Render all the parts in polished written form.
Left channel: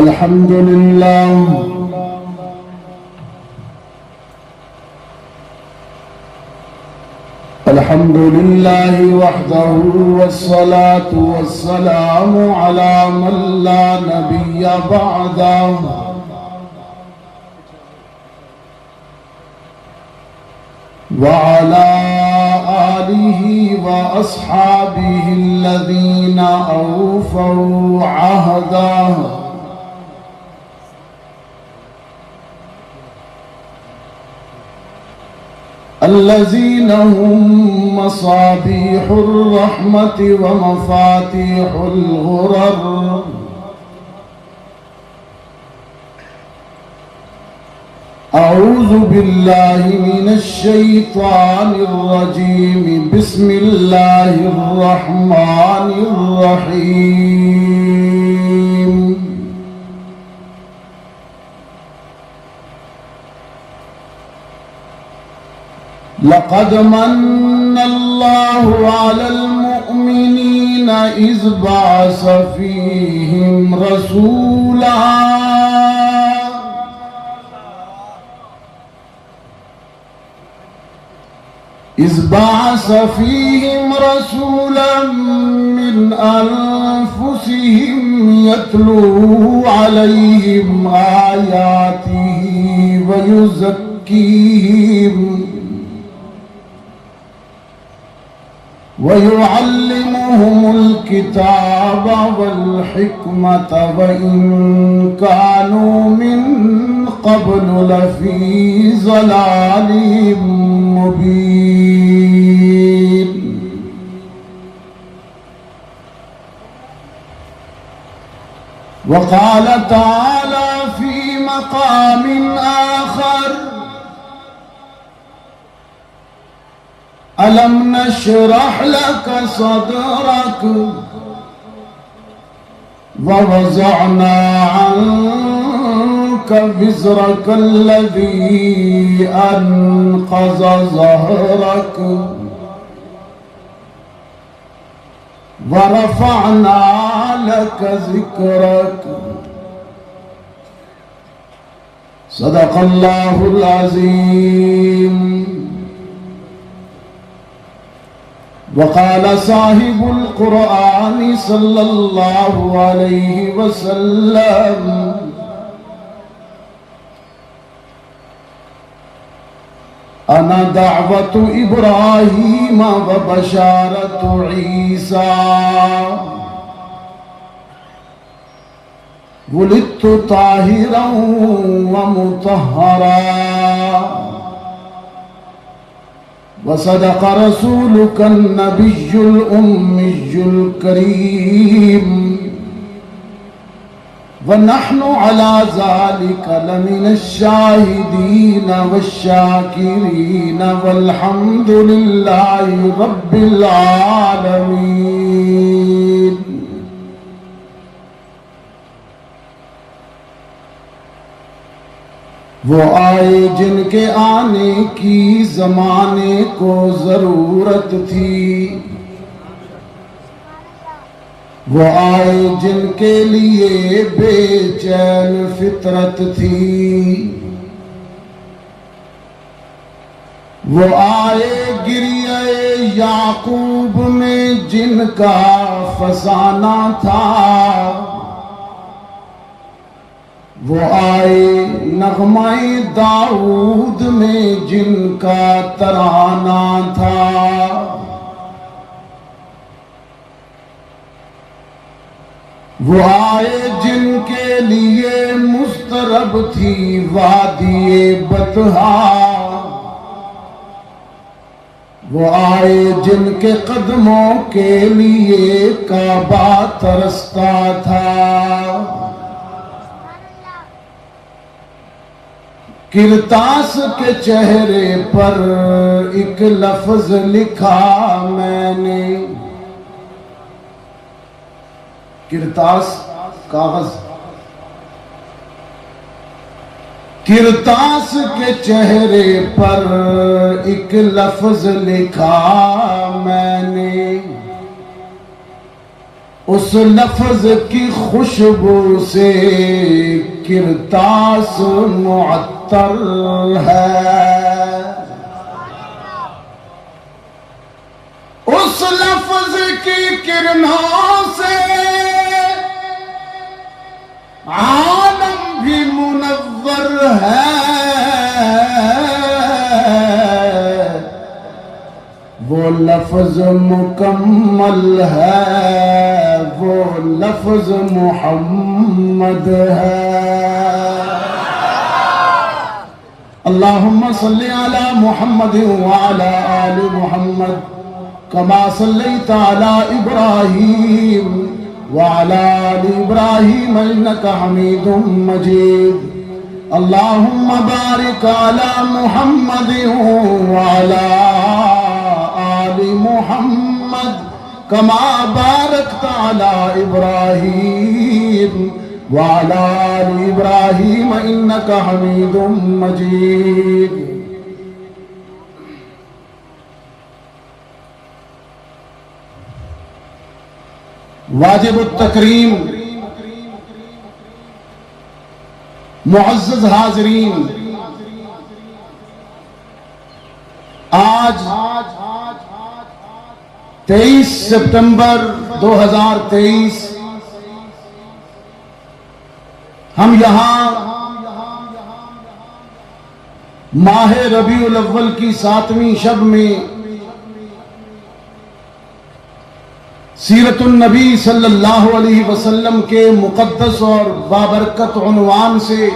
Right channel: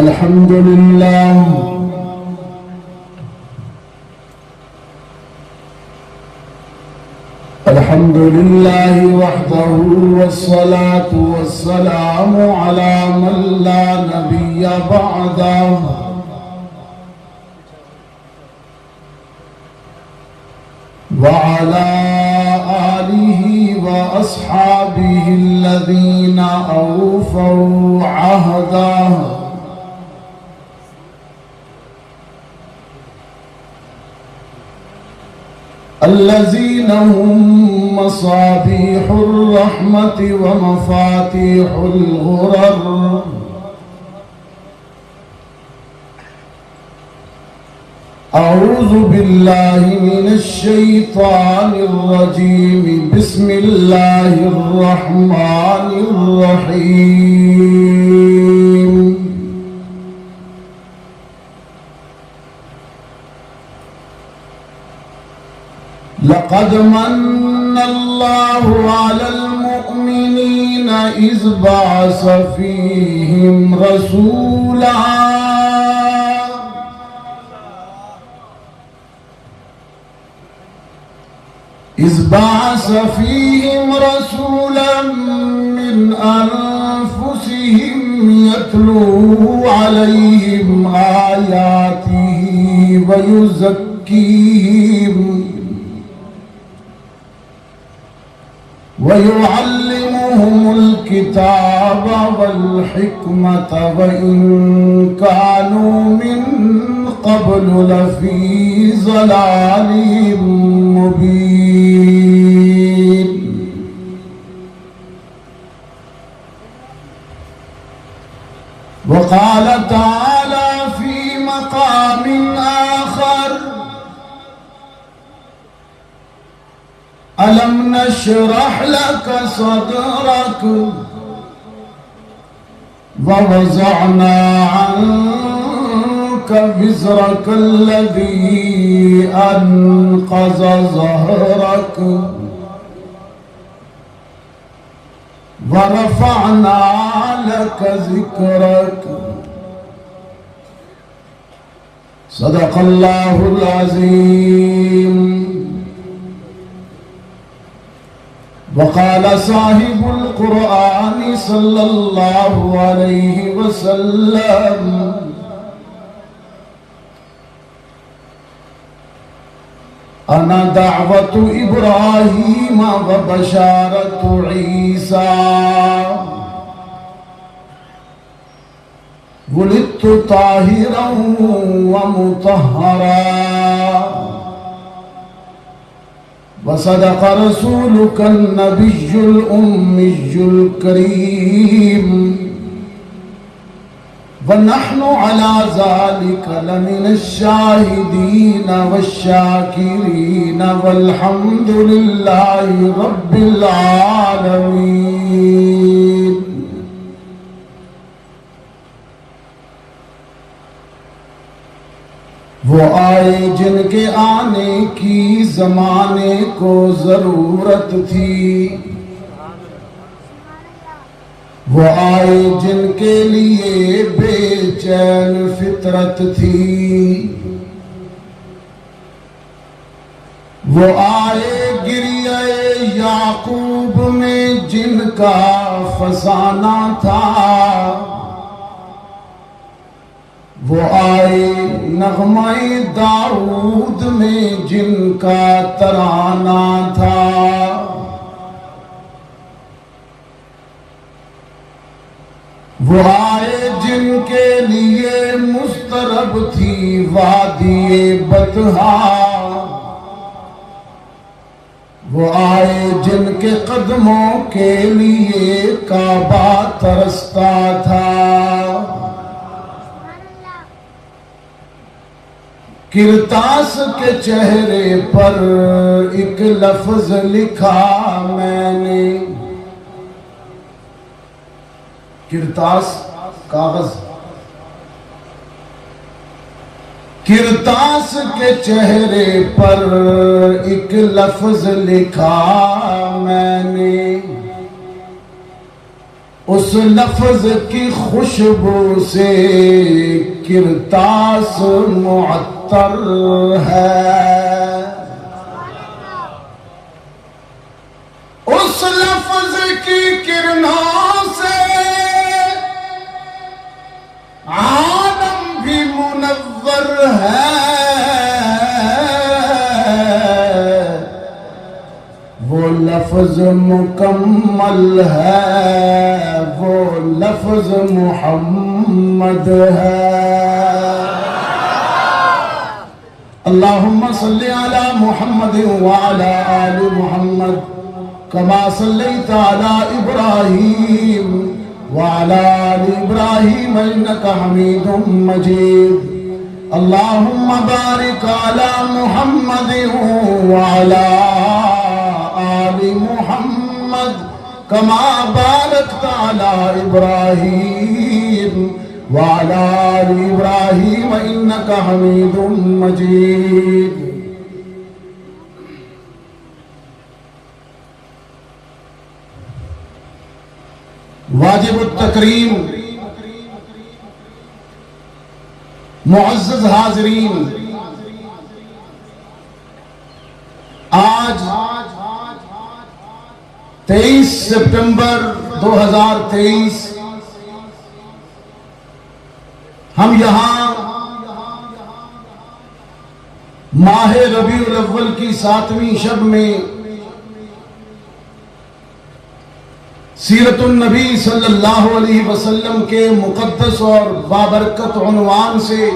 الحمد لله الحمد لله وحده والصلاة والسلام على من لا نبي بعده وعلى آله وأصحابه الذين أوفوا عهده الذين هم مصابيح الرحمة ومفاتيح الغرر أعوذ بالله من الشيطان الرجيم بسم الله الرحمن الرحيم لقد من الله على المؤمنين إذ بعث فيهم رسولا من أنفسهم يتلو عليهم آياته ويزكيهم ويعلمهم الكتاب والحكمة وإن كانوا من قبل لفي ضلال مبين وقال تعالى في مقام آخر ألم نشرح لك صدرك ووضعنا عنك وزرك الذي أنقض ظهرك ورفعنا لك ذكرك صدق الله العظيم. وقال صاحب القرآن صلى الله عليه وسلم أنا دعوة إبراهيم وبشارة عيسى ولدت طاهرا ومطهرا وصدق رسولك النبي الأمي الكريم ونحن على ذلك لمن الشاهدين والشاكرين والحمد لله رب العالمين. وہ آئے جن کے آنے کی زمانے کو ضرورت تھی، وہ آئے جن کے لیے بے چین فطرت تھی، وہ آئے گریہ یعقوب میں جن کا فسانہ تھا، وہ آئے نغمہ داؤد میں جن کا ترانہ تھا، وہ آئے جن کے لیے مسترب تھی وادی بطحا، وہ آئے جن کے قدموں کے لیے کعبہ ترستا تھا، کرتاس کے چہرے پر ایک لفظ لکھا میں نے، کرتاس کاغذ، کرتاس کے چہرے پر ایک لفظ لکھا میں نے، اس لفظ کی خوشبو سے کرتاس معطر ہے، اس لفظ کی کرنوں سے عالم بھی منور ہے، وہ لفظ مکمل ہے، وہ لفظ محمد ہے۔ اللہم صلی علی محمد وعلی آل محمد کما صلیت علی ابراہیم وعلی آل ابراہیم انک حمید مجید۔ اللہم بارک علی محمد وعلی آل محمد کما بارکت علی ابراہیم وعلی آل ابراہیم انک حمید مجید۔ واجب التکریم، معزز حاضرین، آج 23 سپٹمبر 2023 ہم یہاں ماہ ربیع الاول کی 7ویں شب میں سیرت النبی صلی اللہ علیہ وسلم کے مقدس اور بابرکت عنوان سے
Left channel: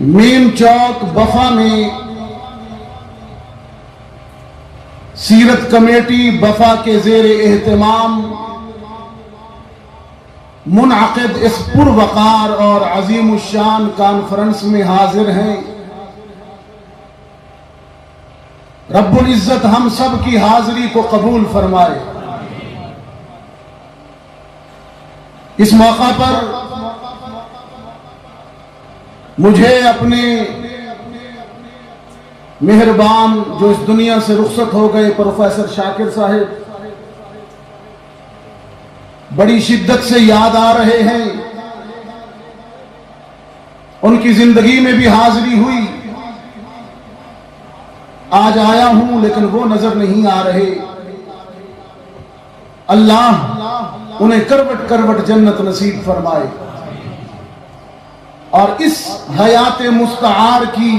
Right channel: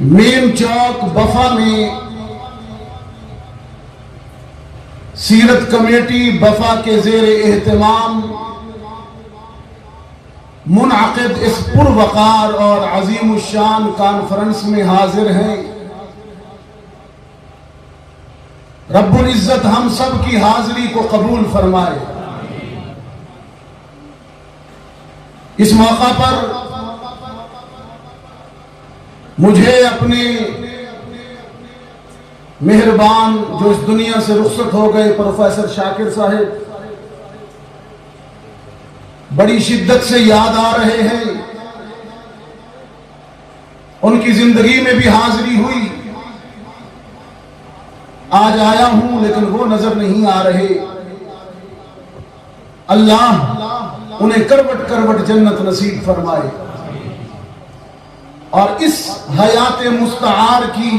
مین چوک بفا میں سیرت کمیٹی بفا کے زیر اہتمام منعقد اس پروقار اور عظیم الشان کانفرنس میں حاضر ہیں۔ رب العزت ہم سب کی حاضری کو قبول فرمائے۔ اس موقع پر مجھے اپنے مہربان جو اس دنیا سے رخصت ہو گئے پروفیسر شاکر صاحب بڑی شدت سے یاد آ رہے ہیں۔ ان کی زندگی میں بھی حاضری ہوئی، آج آیا ہوں لیکن وہ نظر نہیں آ رہے۔ اللہ انہیں کروٹ کروٹ جنت نصیب فرمائے، اور اس حیات مستعار کی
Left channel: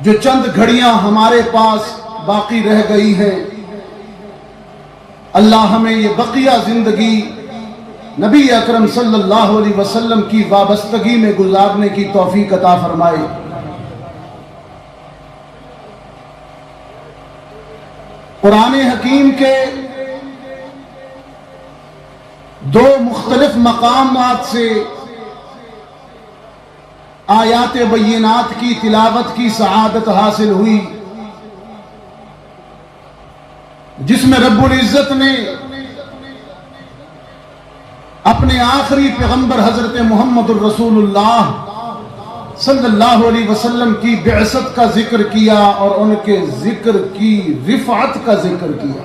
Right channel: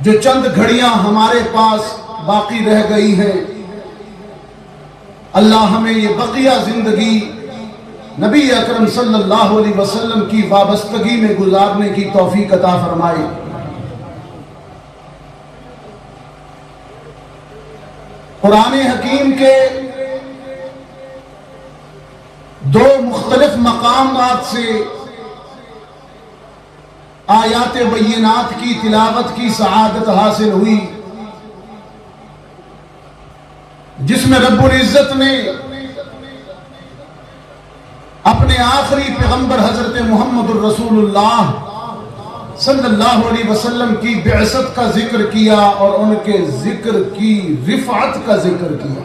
جو چند گھڑیاں ہمارے پاس باقی رہ گئی ہیں، اللہ ہمیں یہ بقیہ زندگی نبی اکرم صلی اللہ علیہ وسلم کی وابستگی میں گزارنے کی توفیق عطا فرمائے۔ قرآن حکیم کے دو مختلف مقامات سے آیات بینات کی تلاوت کی سعادت حاصل ہوئی، جس میں رب العزت نے اپنے آخری پیغمبر حضرت محمد الرسول اللہ صلی اللہ علیہ وسلم کی بعثت کا ذکر کیا اور ان کے ذکر کی رفعت کا ذکر کیا۔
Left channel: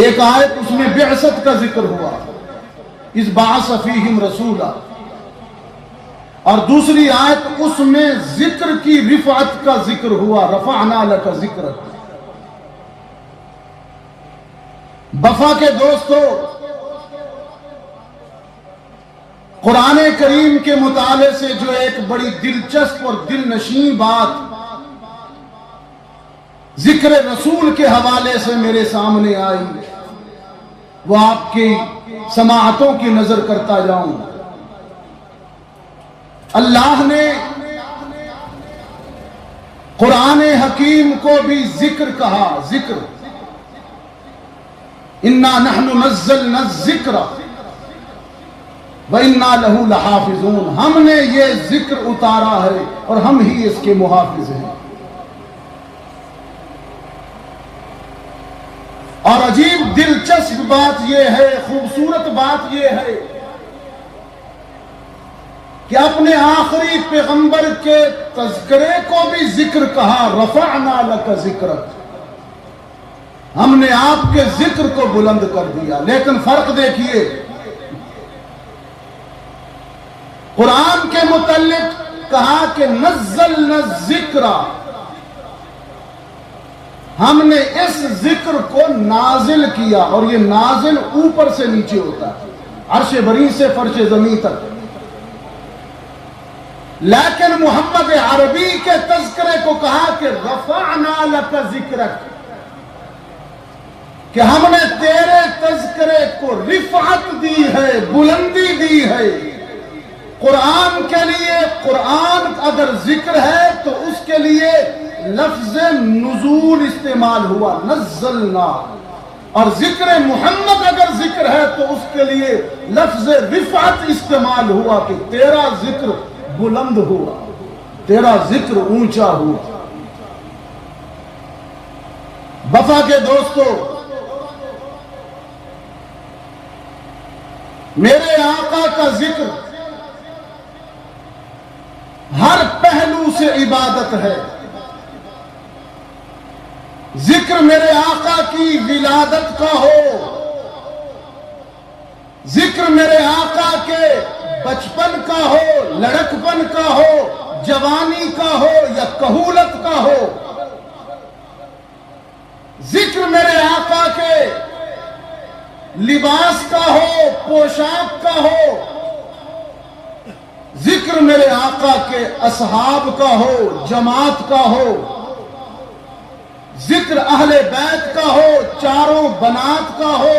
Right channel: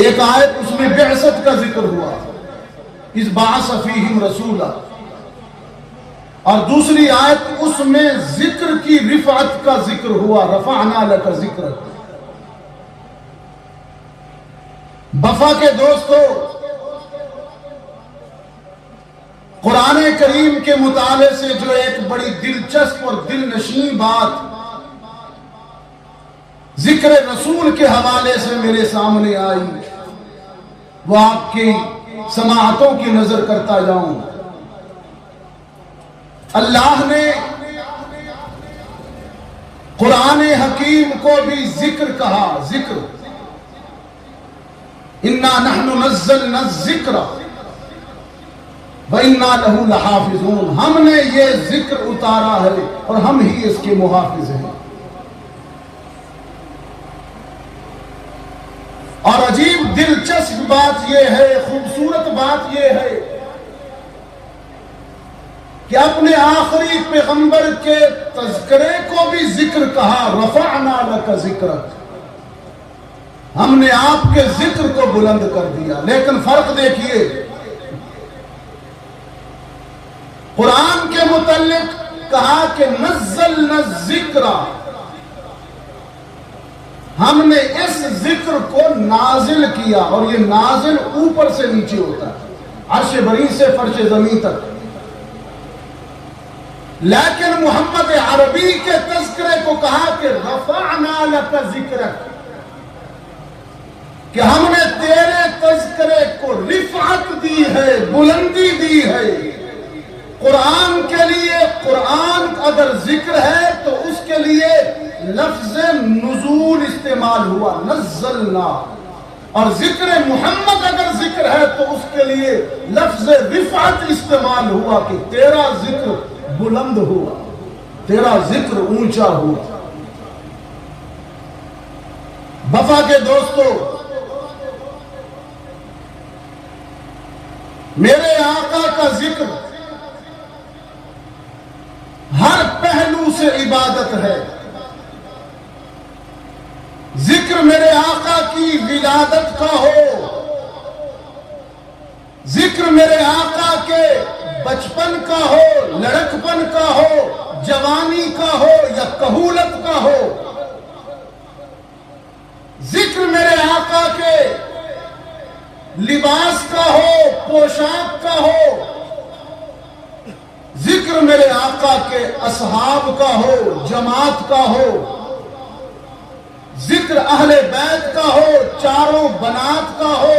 ایک آیت اس میں بعثت کا ذکر ہوا، اس بعث فیہم رسولا، اور دوسری آیت اس میں ذکر کی رفعت کا ذکر ہوا، رفعنا لک ذکرک۔ بفا کے دوستو، قرآن کریم کے مطالعے سے جو ایک بڑی دلچسپ اور دل نشین بات ذکر رسول کے حوالے سے میرے سامنے آئی، وہ آپ کی سماعتوں کی نظر کرتا جاؤں۔ اللہ نے قرآن حکیم کو بھی ذکر کہا، ذکر، اِنَّا نَحْنُ نَزَّلْنَا الذِّكْرَ وَإِنَّا لَهُ لَحَافِظُونَ، ہم نے یہ ذکر اتارا ہے اور ہم ہی اس کے محافظ ہیں۔ اور عجیب دلچسپ بات یہ ہے، خوبصورت بات یہ ہے کہ اپنے آخری پیغمبر کے تذکرے کو بھی ذکر کہا، رفعنا لک ذکرک، ہم نے آپ کے ذکر کو بلند کر دیا۔ لیکن فرق دیکھیے، قرآن کے متعلق کہا کہ نزلنا الذکر، ہم نے اس ذکر کو نازل کیا، اور یہ نازل اوپر سے نیچے ہوتا ہے، عرش بری سے فرش زمین تک۔ لیکن محمد عربی کے تذکرے کو کہا کہ رفعنا لک ذکرک، کہ ہم نے تیرے تذکرے کو رفعت دی ہے، بلندی دی ہے۔ قرآن کے لیے، قرآن اگر ذکر ہے تو اس کے لیے لفظ نزول استعمال ہوا، نزلنا، اور ذکر محمد اگر ذکر ہے تو اس کے لیے لفظ رفعت استعمال ہوا، کہ تیرا ذکر بلند ہوا، تیرا ذکر اونچا ہوا۔ وفا کے دوستو، میرے آقا کا ذکر ہر پہلو سے عبادت ہے۔ ذکر میرے آقا کی ولادت کا ہو، ذکر میرے آقا کے بچپن کا ہو، لڑکپن کا ہو، جوانی کا ہو یا کہولت کا ہو، ذکر میرے آقا کے لباس کا ہو، پوشاک کا ہو، ذکر میرے آقا کے اصحاب کا ہو، جماعت کا ہو، ذکر اہل بیت کا ہو، چاروں بنات کا ہو،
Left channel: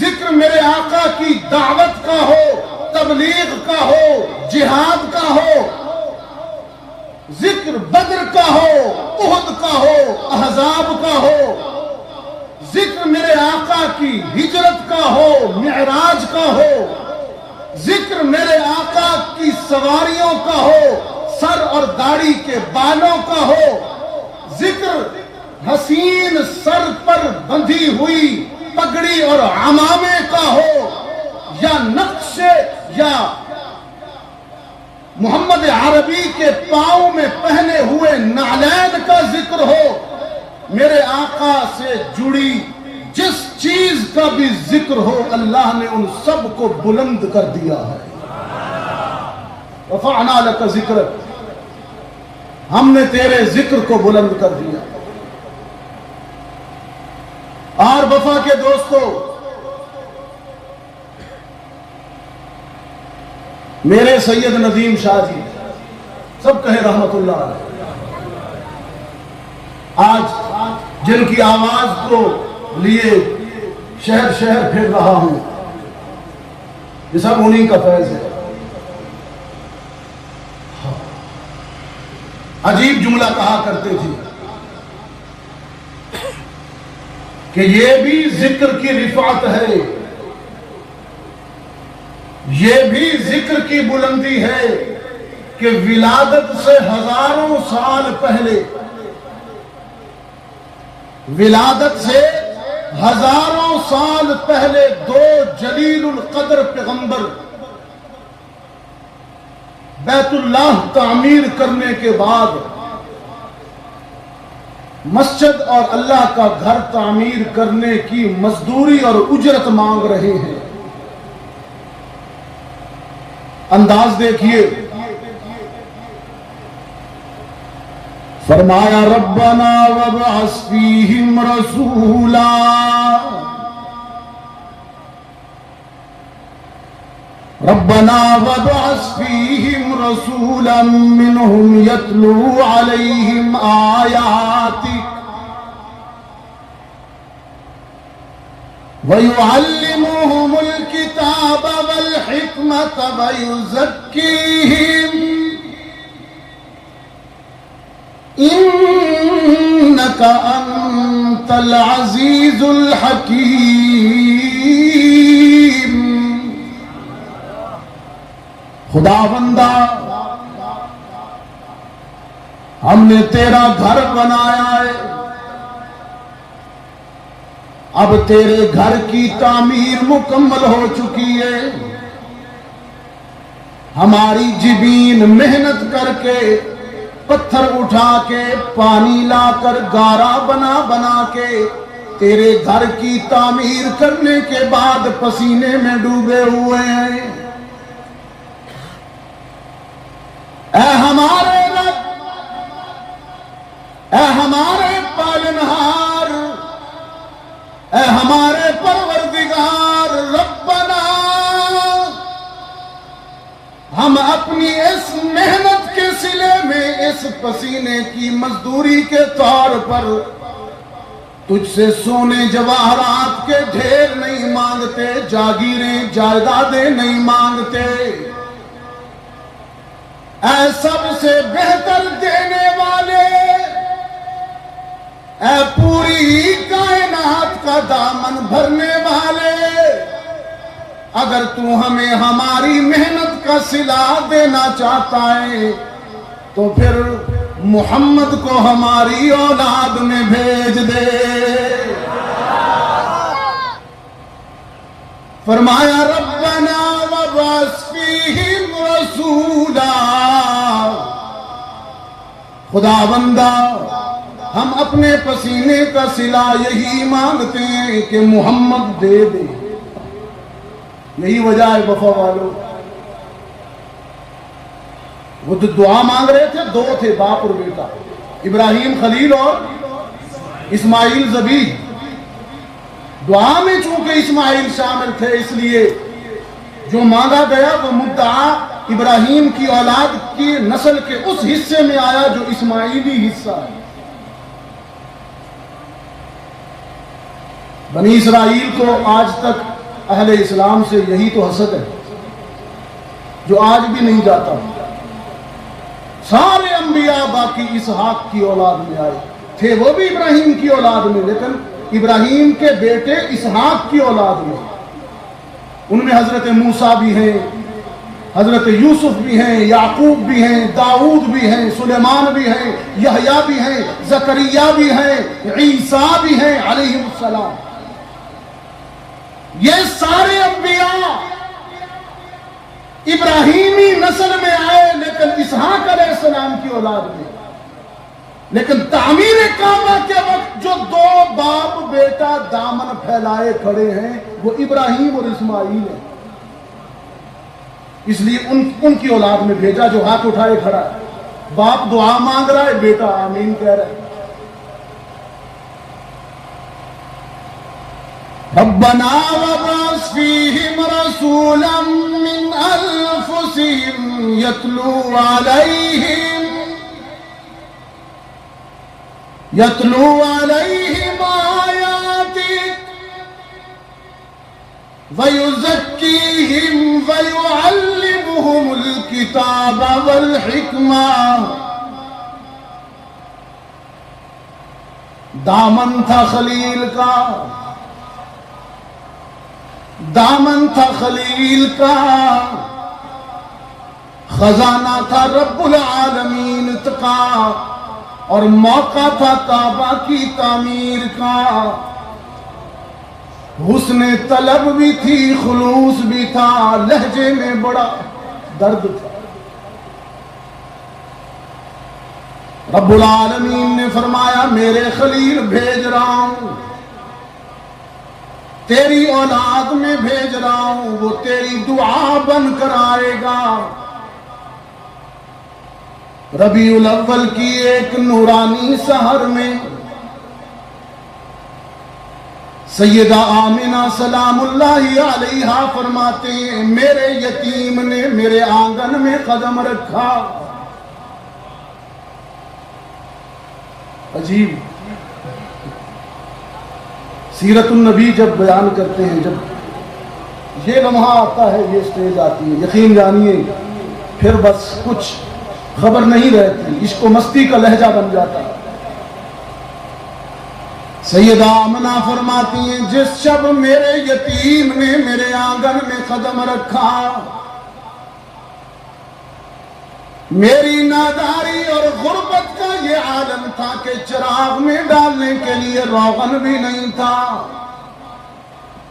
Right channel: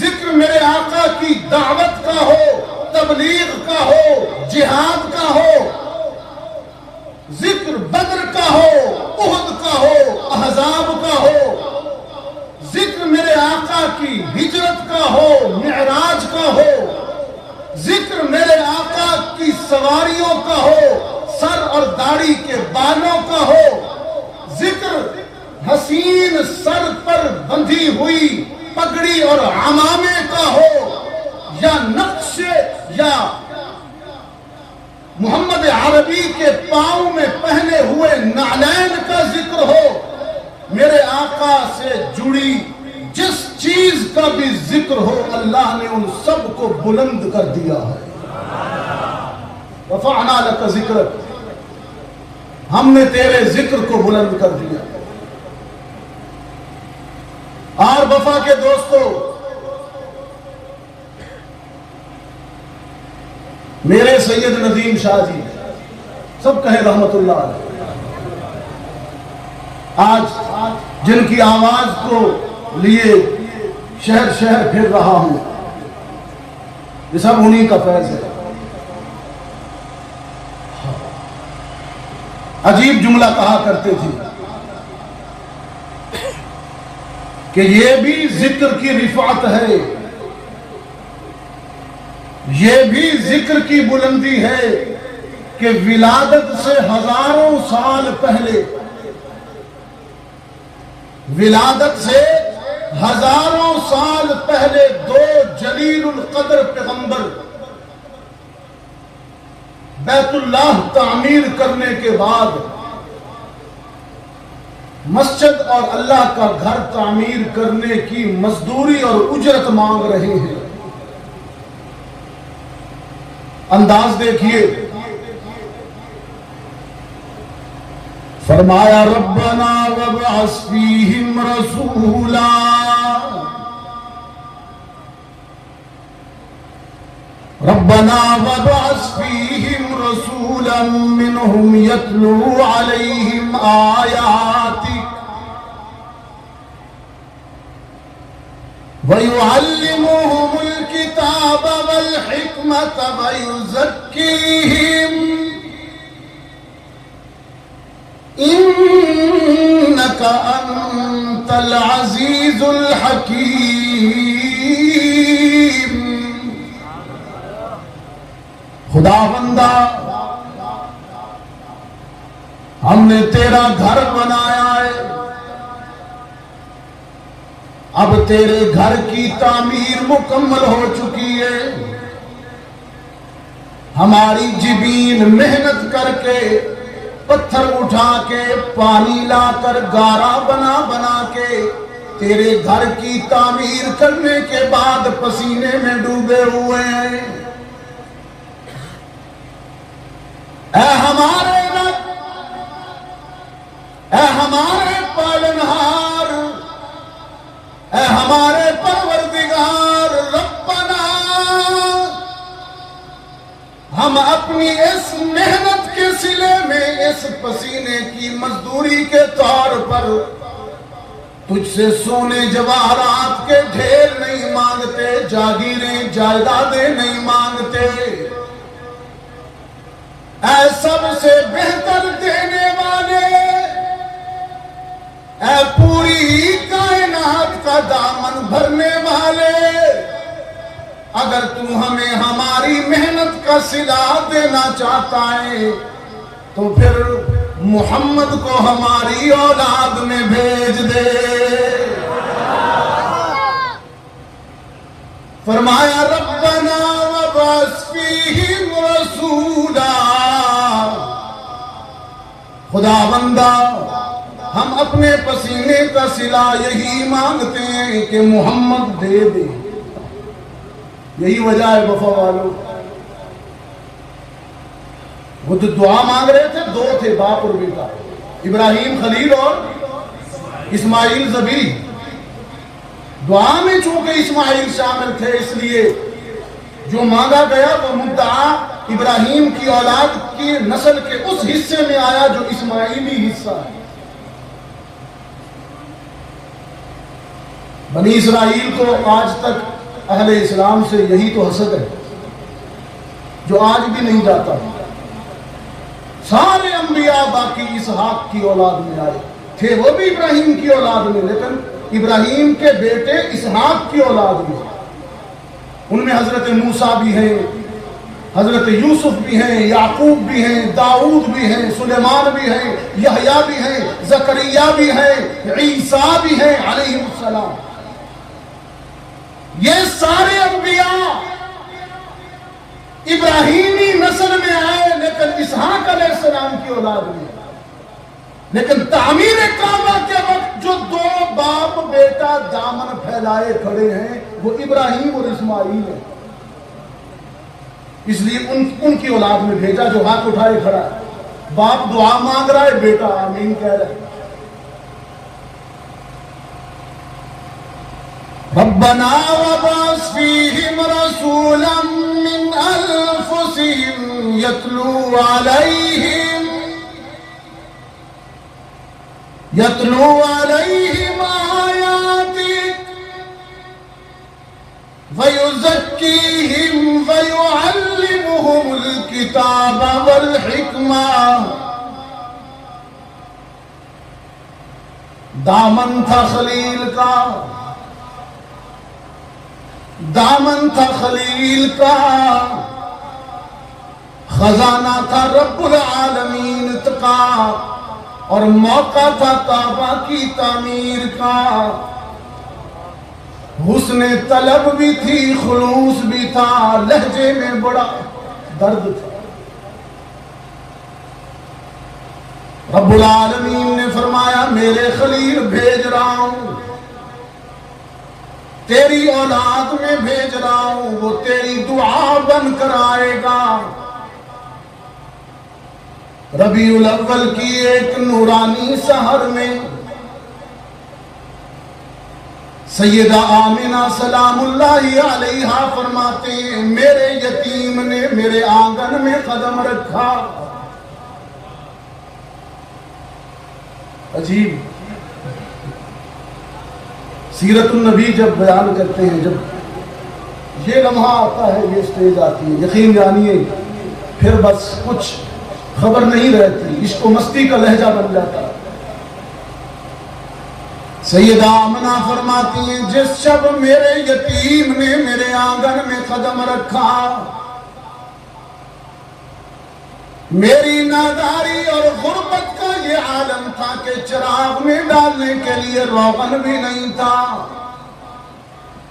ذکر میرے آقا کی دعوت کا ہو، تبلیغ کا ہو، جہاد کا ہو، ذکر بدر کا ہو، احد کا ہو، احزاب کا ہو، ذکر میرے آقا کی ہجرت کا ہو، معراج کا ہو، ذکر میرے آقا کی سواریوں کا ہو، سر اور داڑھی کے بالوں کا ہو، ذکر حسین سر پر بندھی ہوئی پگڑی اور عمامے کا ہو، یا نقش یا محمد عربی کے پاؤں میں پہنے ہوئے نعلین کا ذکر ہو، میرے آقا سے جڑی جس چیز کا بھی ذکر ہو، اللہ نے ان سب کو بلند کر دیا ہے۔ رفعنا لک ذکرک، ہم نے تیرے ذکر کو بلند کر دیا۔ اور وفا کے دوستو، میرے سید ندیم شاہ جی، سب کہے رحمت اللہ علیہ، آج جن کی آواز کو لیے شہر شہر پھر رہا ہوں، یہ سب انہی کا فیض ہے۔ عجیب جملہ کہا کرتے تھے کہ یہ بھی ذکر کی رفعت ہے، یہ بھی ذکر کی بلندی ہے کہ ولادت سے ہزاروں سال پہلے، ولادت سے ہزاروں سال پہلے دو جلیل القدر پیغمبر بیت اللہ تعمیر کرنے کے بعد مسجد اور اللہ کا گھر تعمیر کرنے کی مزدوری اور اجرت مانگ رہے ہیں۔ انداز دیکھیے، فرمایا ربنا وابعث فیہم رسولا، ربنا وابعث فیہم رسولا منہم یتلو علیہم آیاتک وَيُعَلِّمُهُمُ الْكِتَابَ وَالْحِكْمَةَ وَيُزَكِّيهِمْ إِنَّكَ أَنْتَ الْعَزِيزُ الْحَكِيمُ۔ خدا بندہ، ہم نے تیرا گھر بنایا ہے، اب تیرے گھر کی تعمیر مکمل ہو چکی ہے، ہماری جبین محنت کر کے پتھر اٹھا کے پانی لا کر گارا بنا بنا کے تیرے گھر کی تعمیر کرنے کے بعد پسینے میں ڈوبے ہوئے ہیں۔ اے ہمارے رب، اے ہمارے پالنہار، اے ہمارے پروردگار، ربنا ہم اپنی اس محنت کے صلے میں اس پسینے کی مزدوری کے طور پر تجھ سے سونے جواہرات کے ڈھیر نہیں مانگتے، جاگیریں جائیدادیں نہیں مانگتے، اے سب سے بہتر دینے والے، اے پوری کائنات کا دامن بھرنے والے، اگر تو ہمیں ہماری محنت کا صلہ دینا چاہتا ہے تو پھر محمد کو ہماری اولاد میں بھیج دے۔ فرمایا ربنا وابعث فیہم رسولا، خدا بندہ ہم اپنے پسینے کا صلہ یہی مانگتے ہیں کہ محمد دے دے، یہی وجہ ہے وفا والوں۔ وہ جو دعا مانگ رہے تھے دو تھے، باپ اور بیٹا، ابراہیم خلیل اور اسماعیل ذبی۔ دعا میں چونکہ اسماعیل شامل تھے اس لیے جو مانگا گیا وہ مدعا ابراہیم کی اولاد کی نسل کے اس حصے میں آیا جو اسماعیلی حصہ ہے۔ بنی اسرائیل کو آج تک اہل اسلام سے یہی تو حسد ہے جو آج بھی نہیں جاتا۔ سارے انبیاء باقی اسحاق کی اولاد میں آئے تھے، وہ بھی ابراہیم کی اولاد میں، لیکن ابراہیم کے بیٹے اسحاق کی اولاد میں، ان میں حضرت موسیٰ بھی ہیں، حضرت یوسف بھی ہیں، یعقوب بھی ہیں، داؤد بھی ہیں، سلیمان بھی ہیں، یحییٰ بھی ہیں، زکریا بھی ہیں، عیسیٰ بھی ہیں علیہ السلام۔ یہ سارے انبیاء ابراہیمی نسل میں آئے لیکن اسحاق علیہ السلام کی اولاد میں، لیکن تعمیر کعبہ کے وقت جو دو باپ بیٹا دامن پھیلائے کھڑے ہیں وہ ابراہیم اور اسماعیل ہیں، اس لیے ان کی اولاد میں بھیجا جو ہاتھ اٹھائے کھڑا ہے۔ باپ دعا مانگ رہا ہے، بیٹا آمین کہہ رہا ہے۔ ربنا وابعث فیہم رسولا من انفسہم یتلو علیہم آیاتک ویزکیہم ویعلمہم الکتاب والحکمہ۔ دامن تھا خلیل کا، دامن تھا خلیل کا، خزانہ تھا رب العالمین کا، اور موقع تھا کعبہ کی تعمیر کا۔ حسن طلب بھی تھی، خلوص بھی تھا، لہجے میں بڑا درد تھا۔ رب العالمین نے فرمایا میرے خلیل بھیج رہا ہوں، تیری اولاد میں بھیج رہا ہوں، وہ تیری دعا بن کر آئے گا۔ ربیع الاول کی ایک نورانی سحر میں سیدہ آمنہ سلام اللہ علیہا فرماتے ہیں میرے یتیم نے میرے آنگن میں قدم رکھا۔ عجیب سیرت النبی جب بیان کرتے ہیں، جب یہ لمحہ آتا ہے، یہ سٹیج آتی ہے، یقین جانیے پھر بس کچھ خبر نہیں رہتی، عشق و مستی کا لہجہ بن جاتا ہے۔ سیدہ آمنہ فرماتی ہیں جس شب میرے یتیم نے میرے آنگن میں قدم رکھا، میری ناداری اور غربت کا یہ عالم تھا کہ چراغ میں ڈالنے کے لیے روغن بھی نہیں تھا،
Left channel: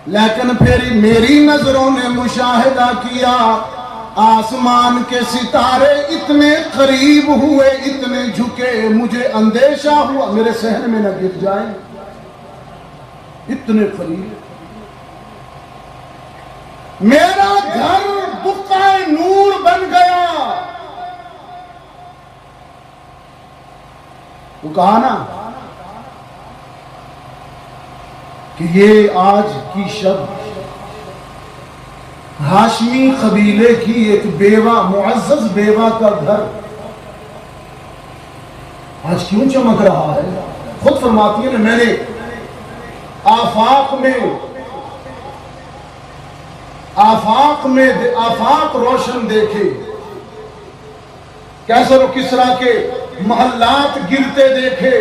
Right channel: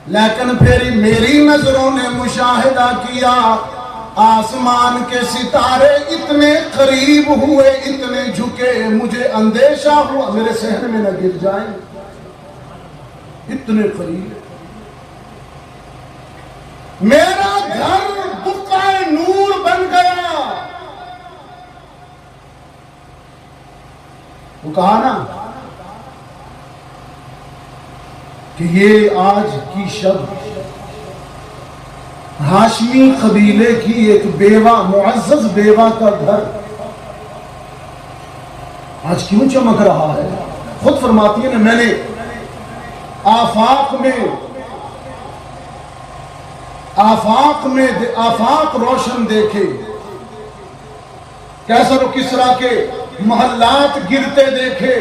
لیکن پھر میری نظروں نے مشاہدہ کیا آسمان کے ستارے اتنے قریب ہوئے، اتنے جھکے، مجھے اندیشہ ہوا میرے صحن میں نہ گر جائیں، اتنے قریب۔ میرا گھر بقعہ نور بن گیا۔ وہ کہا نا کہ یہ آج کی شب ہاشمی قبیلے کی ایک بیوہ، معزز بیوہ کا گھر آج کیوں چمک رہا ہے؟ خود فرماتی ہے میں نے آفاق روشن دیکھے، کیسر و کسرا کے محلات گرتے دیکھے۔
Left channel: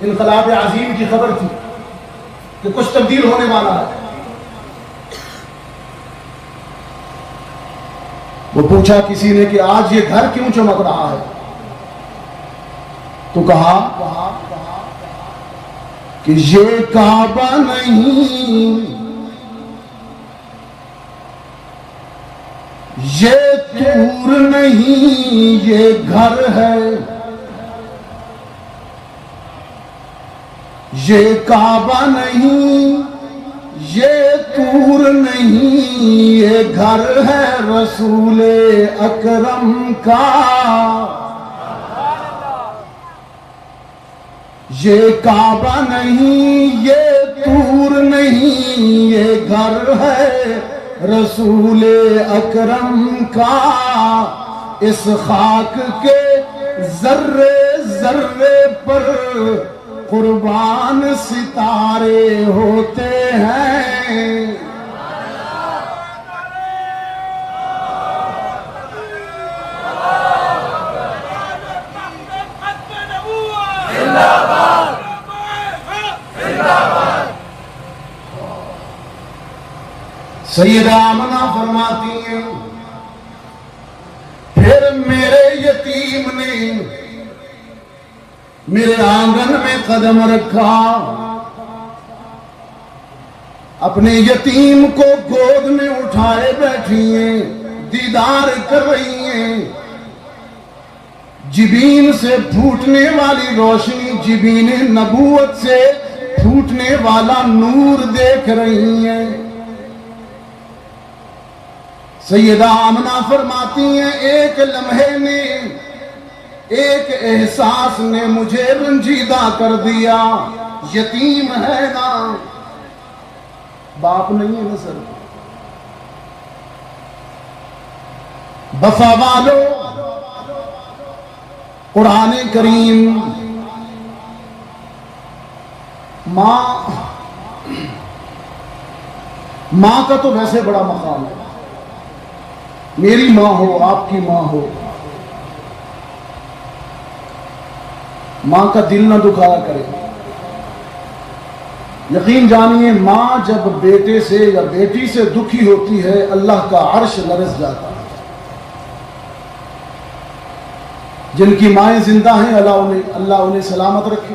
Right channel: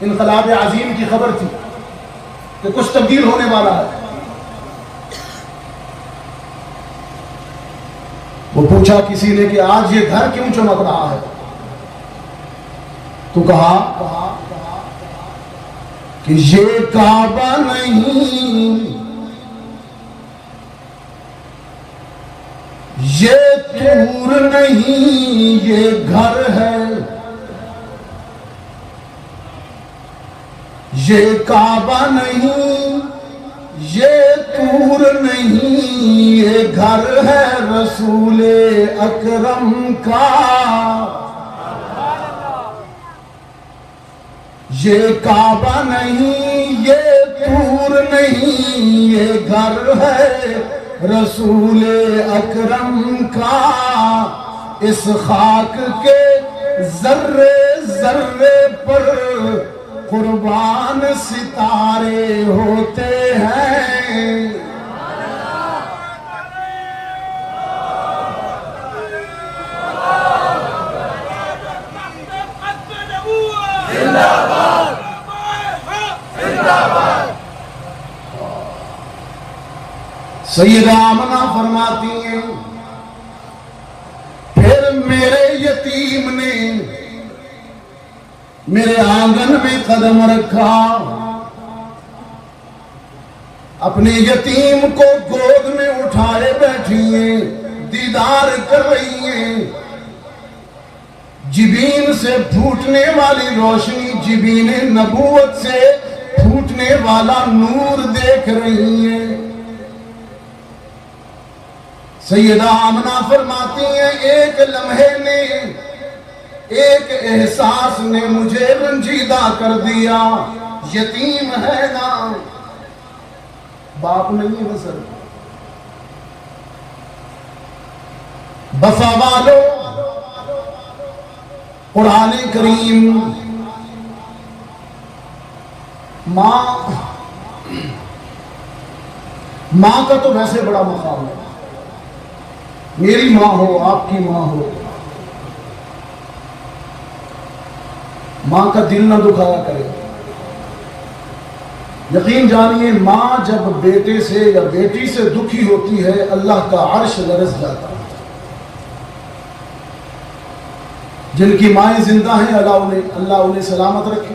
انقلاب عظیم کی خبر تھی کہ کچھ تبدیل ہونے والا ہے۔ وہ پوچھا کسی نے کہ آج یہ گھر کیوں چمک رہا ہے؟ تو کہا کہ یہ کعبہ نہیں، یہ طور نہیں، یہ گھر ہے۔ یہ کعبہ نہیں، یہ طور نہیں، یہ گھر ہے رسول اکرم کا۔ یہ کعبہ نہیں، یہ طور نہیں، یہ گھر ہے رسول اکرم کا۔ اس خاک کے ذرے ذرے پر قربان ستارے ہوتے ہیں۔ سیدہ آمنہ فرماتی ہیں پھر میرے یتیم نے میرے آنگن میں قدم رکھا، اپنے یتیم کو گود میں اٹھائے بیٹھی ہیں، دیدار کر رہی ہیں، جبین سے پھوٹنے والی روشنی، جبین نبوت سے پھوٹنے والا نور دیکھ رہی ہیں۔ سیدہ آمنہ فرماتی ہیں ایک لمحے نے، ایک احساس نے مجھے رنجیدہ کر دیا، یتیم ہے نا، باپ نہیں ہے سر۔ بفا والو، قرآن کریم ماں کا تو ویسے بڑا مقام ہے، میری ماں ہو، آپ کی ماں ہو، ماں کا دل نہ دکھایا کرے۔ یقین جانیے ماں جب بیٹے سے یا بیٹی سے دکھی ہوتی ہے اللہ کا عرش لرز جاتا ہے۔ جن کی مائیں زندہ ہیں اللہ انہیں سلامت رکھے۔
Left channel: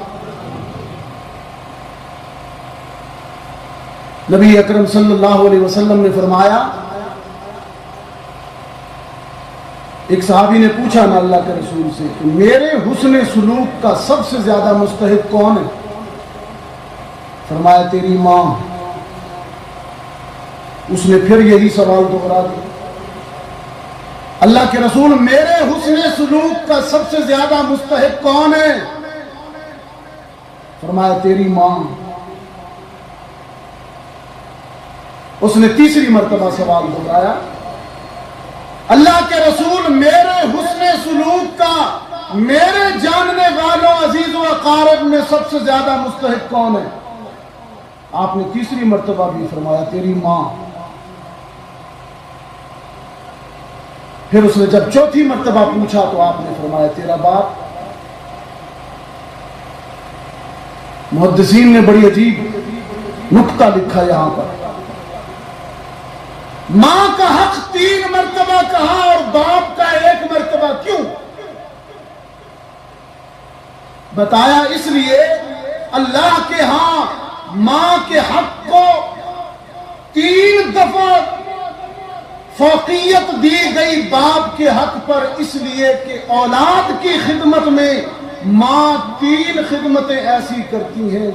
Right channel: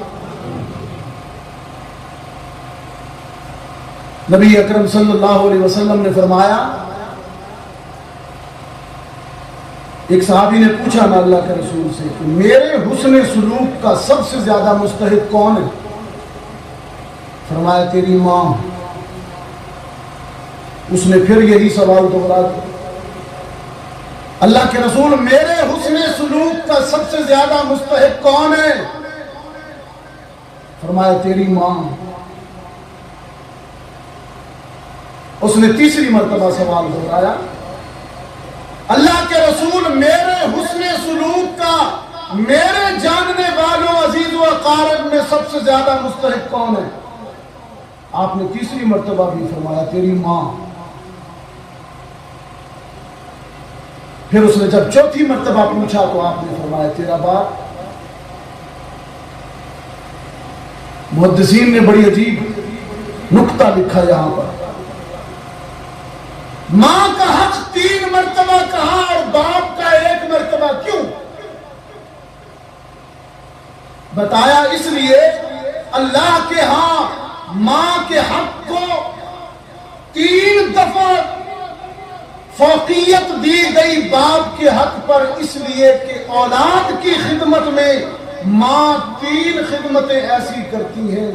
نبی اکرم صلی اللہ علیہ وسلم نے فرمایا، ایک صحابی نے پوچھا نا اللہ کے رسول سے میرے حسن سلوک کا سب سے زیادہ مستحق کون ہے؟ فرمایا تیری ماں۔ اس نے پھر یہی سوال دوہرا دیا، اللہ کے رسول میرے حسن سلوک کا سب سے زیادہ مستحق کون ہے؟ فرمایا تیری ماں۔ اس نے تیسری مرتبہ سوال دوہرایا، اللہ کے رسول میرے حسن سلوک کا میرے جاننے والوں عزیز و اقارب میں سب سے زیادہ مستحق کون ہے؟ آپ نے تیسری مرتبہ بھی فرمایا تیری ماں۔ پھر اس نے جب چوتھی مرتبہ پوچھا تو آپ نے فرمایا تیرا باپ۔ محدثین نے بڑی عجیب نکتہ لکھا یہاں پر، ماں کا حق 3 مرتبہ کہا اور باپ کا 1 مرتبہ کیوں؟ بتایا اس لیے اللہ کے ہاں ماں کے حق کو 3 دفعہ فوقیت دی گئی باپ کے حق پر اس لیے کہ اولاد کی خدمت میں ماں 3 خدمتیں ایسی کرتی ہیں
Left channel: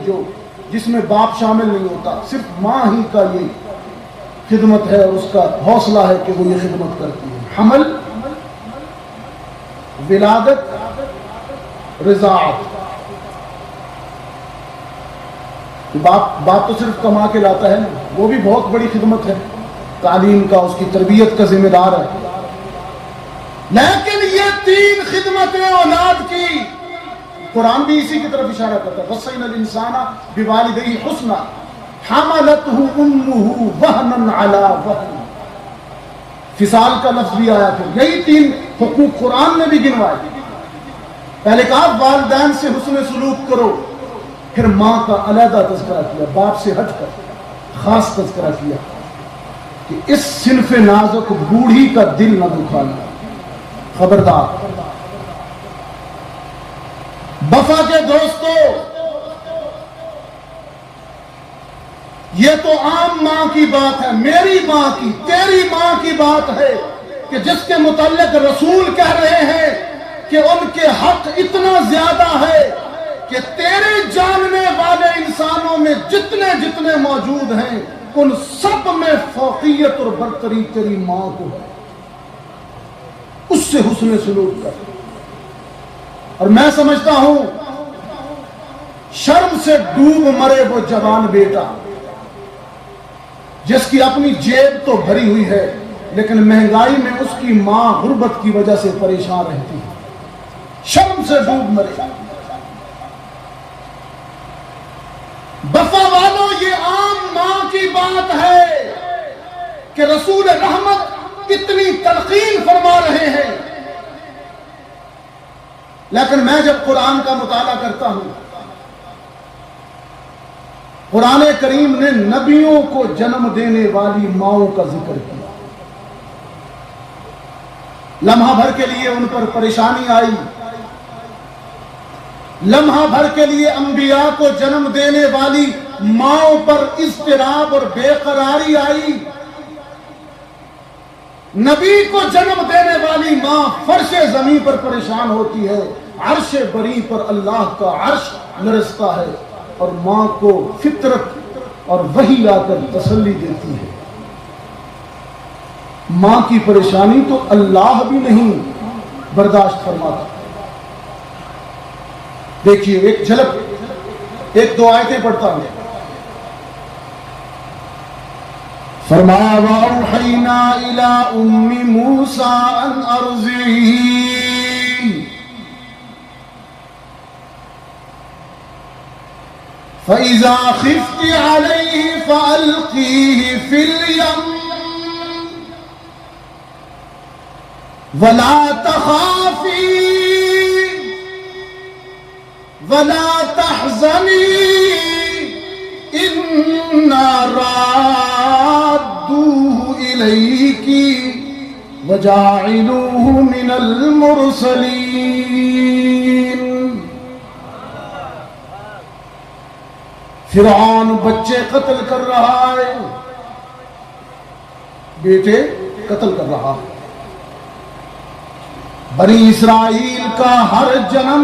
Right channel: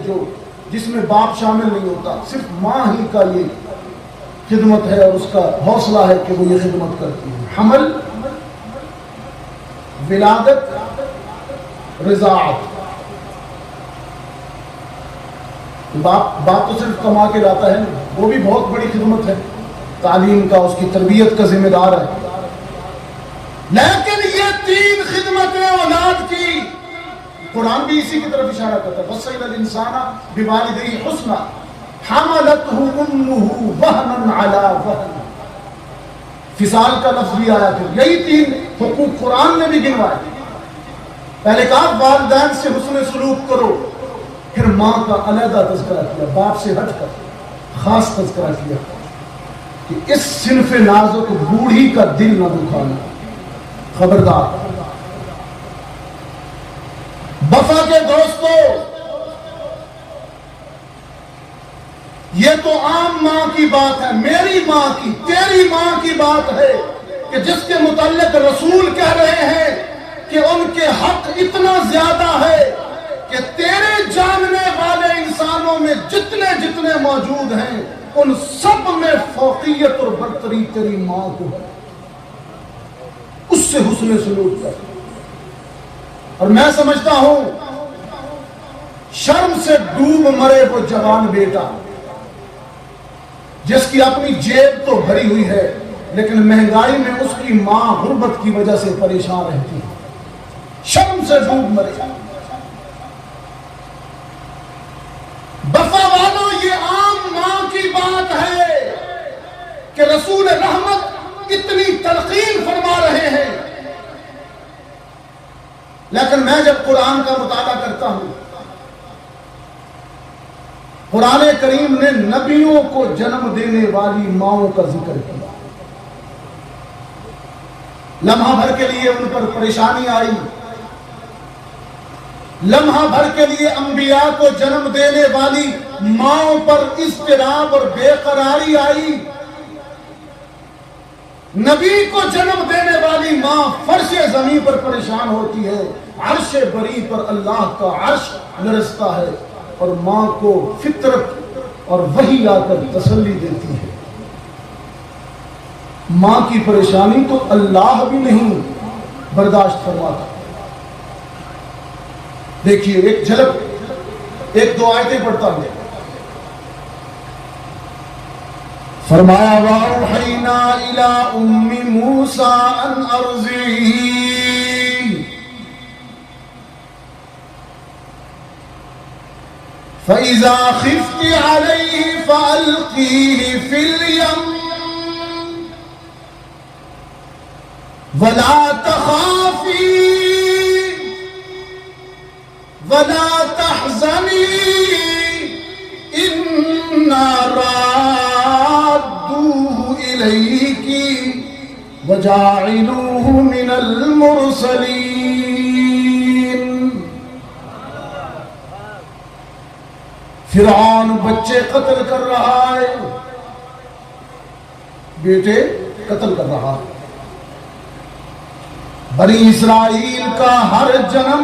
جس میں باپ شامل نہیں ہوتا، صرف ماں ہی کا یہ خدمت ہے اور اس کا حوصلہ ہے کہ وہ یہ خدمت کرتی ہے: حمل، ولادت، رضاعت۔ باپ تو صرف کما کے لاتا ہے نا، وہ بھی بہت بڑی خدمت ہے، تعلیم کا، اس کی تربیت کا ذمہ دار ہے۔ لیکن یہ 3 خدمتیں اولاد کی، قرآن بھی اسی کی طرف اشارہ کرتا ہے: وَصَّيْنَا الْإِنسَانَ بِوَالِدَيْهِ حُسْنًا حَمَلَتْهُ أُمُّهُ وَهْنًا عَلَى وَهْنٍ۔ فصال کا لفظ بھی آیا تھا۔ یہی 3 حقوق قرآن نے بھی گنوائے۔ پہلے کہا والدین سے حسن سلوک کرو، پھر ماں کا علیحدہ تذکرہ کیا، باپ سے ہٹ کر خاص تذکرہ کیا کہ اس صنف نازک بوڑھی کا دل نہ دکھانا، خبردار۔ وفا کے دوستو، یہ تو عام ماں کی بات ہے، میری ماں کی، تیری ماں کی بات ہے کہ جس کے متعلق رسول کہہ رہے ہیں کہ ان کے حق اتنا زیادہ ہے کہ تیرے جاننے والے انسانوں میں جتنے موجود ہیں ان سب میں فوقیت اور برتری تیری ماں کو ہے، اس سے حسن سلوک کر۔ اور میں سمجھتا ہوں شرم سے ڈوب مرے وہ جوان بیٹا جس کی اپنی جیب تو بھری ہوئی ہے لیکن مہنگائی میں اس کی ماں غربت کی وجہ سے پریشان رہتی ہے، شرم سے ڈوب مرے۔ وفا والوں، یہ عام ماں کی بات ہے کہ رسول رحمت اتنی تلقین فرما رہے ہیں، لیکن میں جب قرآن کا مطالعہ کرتا ہوں، قرآن کریم نے نبیوں کو جنم دینے والی ماؤں کا ذکر کیا۔ لمحہ بھر کے لیے ان پر پریشانی آئی، لمحہ بھر کے لیے انبیاء کو جنم دینے والی ماؤں پر اضطراب اور بے قراری آئی۔ نبی کو جنم دینے والی ماں فرش زمین پر پریشان ہوتی ہے، عرش بری پر اللہ کا عرش لرزتا ہے، اور ماں کو فطرت اور وحی آ کر تسلی دیتی ہے۔ ماں کی پریشانی تو اللہ بھی نہیں برداشت کرواتا۔ دیکھیے ایک جھلک، 1-2 آیتیں پڑھتا ہوں۔ فرمایا وَأَوْحَيْنَا إِلَىٰ أُمِّ مُوسَىٰ أَنْ أَرْضِعِهِ فَإِذَا خِفْتِ عَلَيْهِ فَأَلْقِيهِ فِي الْيَمِّ وَلَا تَخَافِي وَلَا تَحْزَنِي إِنَّا رَادُّوهُ إِلَيْكِ وَجَاعِلُوهُ مِنَ الْمُرْسَلِينَ۔ فرعون بچے قتل کر رہا ہے، بیٹے قتل کر رہا ہے، بنی اسرائیل کا ہر جنم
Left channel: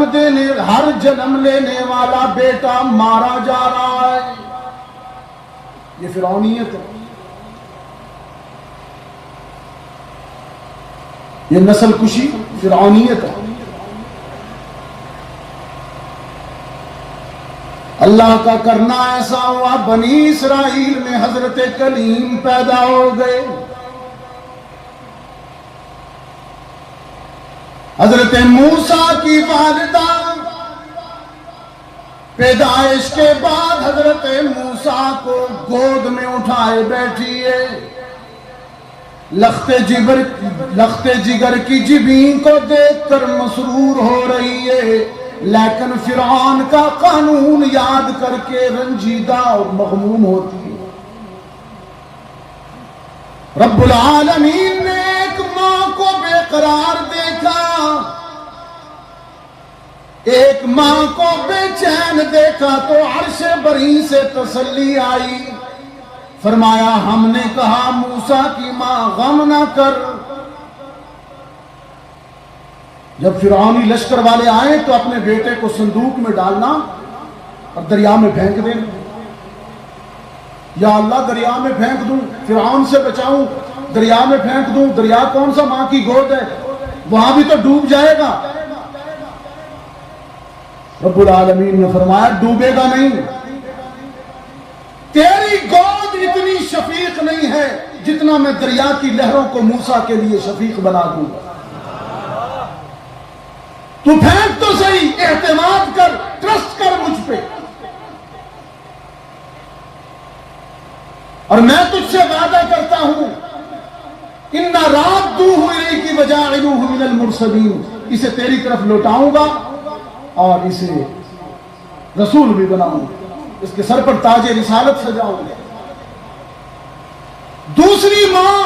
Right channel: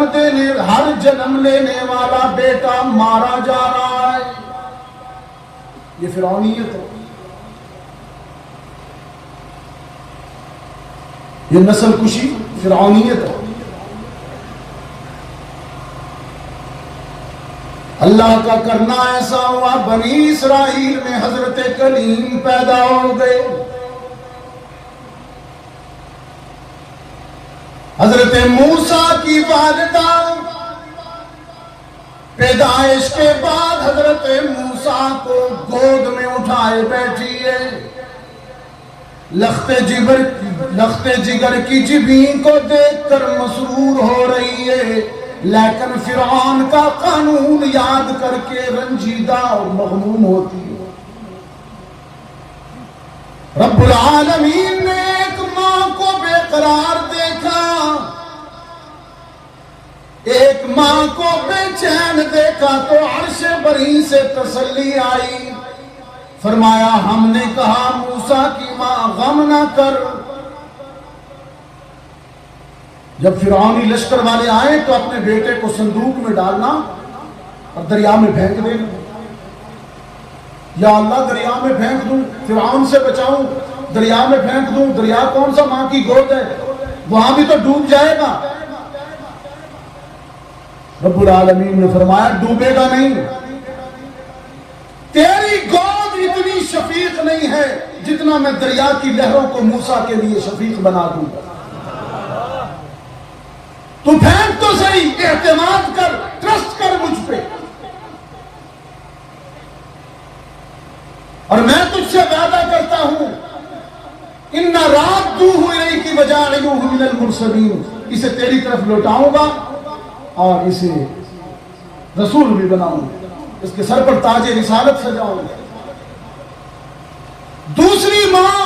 لینے والا بیٹا مارا جا رہا ہے۔ یہ فرعونیت ہے، یہ نسل کشی فرعونیت ہے۔ اللہ کا کرنا ایسا ہوا، بنی اسرائیل میں حضرت کلیم پیدا ہو گئے۔ حضرت موسیٰ کی والدہ پیدائش کے بعد حضرت موسیٰ کو گود میں اٹھائے بیٹھی ہے، لخت جگر کی جبین کو دیکھ کر مسرور ہو رہی ہے، لیکن فرعون کا قانون یاد کر کے رنجیدہ اور مغموم ہوتی ہے۔ رب العالمین نے ایک ماں کو بے قرار دیکھا، ایک ماں کو بے چین دیکھا تو عرش بری سے تسلی آئی۔ فرمایا ہم نے کہا موسیٰ کی ماں غم نہ کر. جب فرعونی لشکر والے آئے تو اپنے بیٹے کو صندوق میں ڈالنا اور دریا میں پھینک دینا. یا اللہ دریا میں پھینک دوں, فرعون سے بچاؤں, دریا میں پھینک دوں. دریا کون سا ماں کی گود ہے, وہاں بھی تو ڈوب جائے گا. رب العالمین نے فرمایا ڈوبے گا نہیں. تیری گود اتنی شفیق نہیں ہے جتنا میں دریا کی لہروں کو موسیٰ کے لیے شفیق بنا دوں. تو پھینک تو صحیح, اعتماد کر, ٹرسٹ کر مجھ پہ. اور میں تجھ سے وعدہ کرتا ہوں اِنَّا رَادُّوهُ إِلَيْكِ وَجَاعِلُوهُ مِنَ الْمُرْسَلِينَ, اسے تیری طرف لوٹاؤں گا اور اسے رسول بھی بناؤں گا, اس کے سر پر تاج رسالت سجاؤں گا. دوسری ماں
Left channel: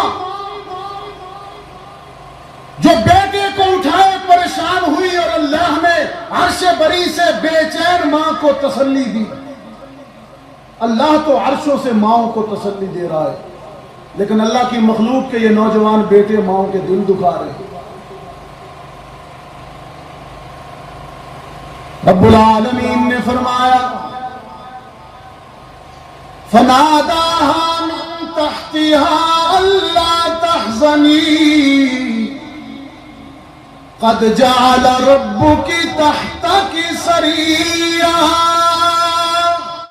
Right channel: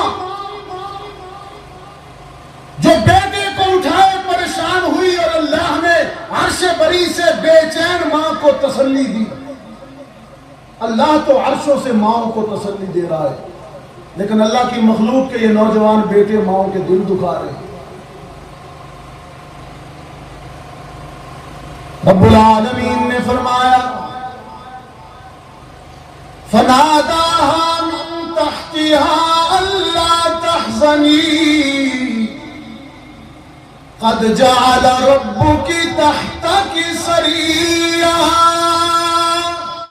جو بیٹے کو اٹھائے پریشان ہوئی اور اللہ نے عرش بری سے بے چین ماں کو تسلی دی. اللہ تو عرشوں سے ماؤں کو تسلی دے رہا ہے, لیکن اللہ کی مخلوق کے یہ نوجوان بیٹے ماؤں کے دل دکھا رہے ہیں. رب العالمین نے فرمایا فَنَادَاهَا مِن تَحْتِهَا أَلَّا تَحْزَنِي قَدْ جَعَلَ رَبُّكِ تَحْتَكِ سَرِيًّا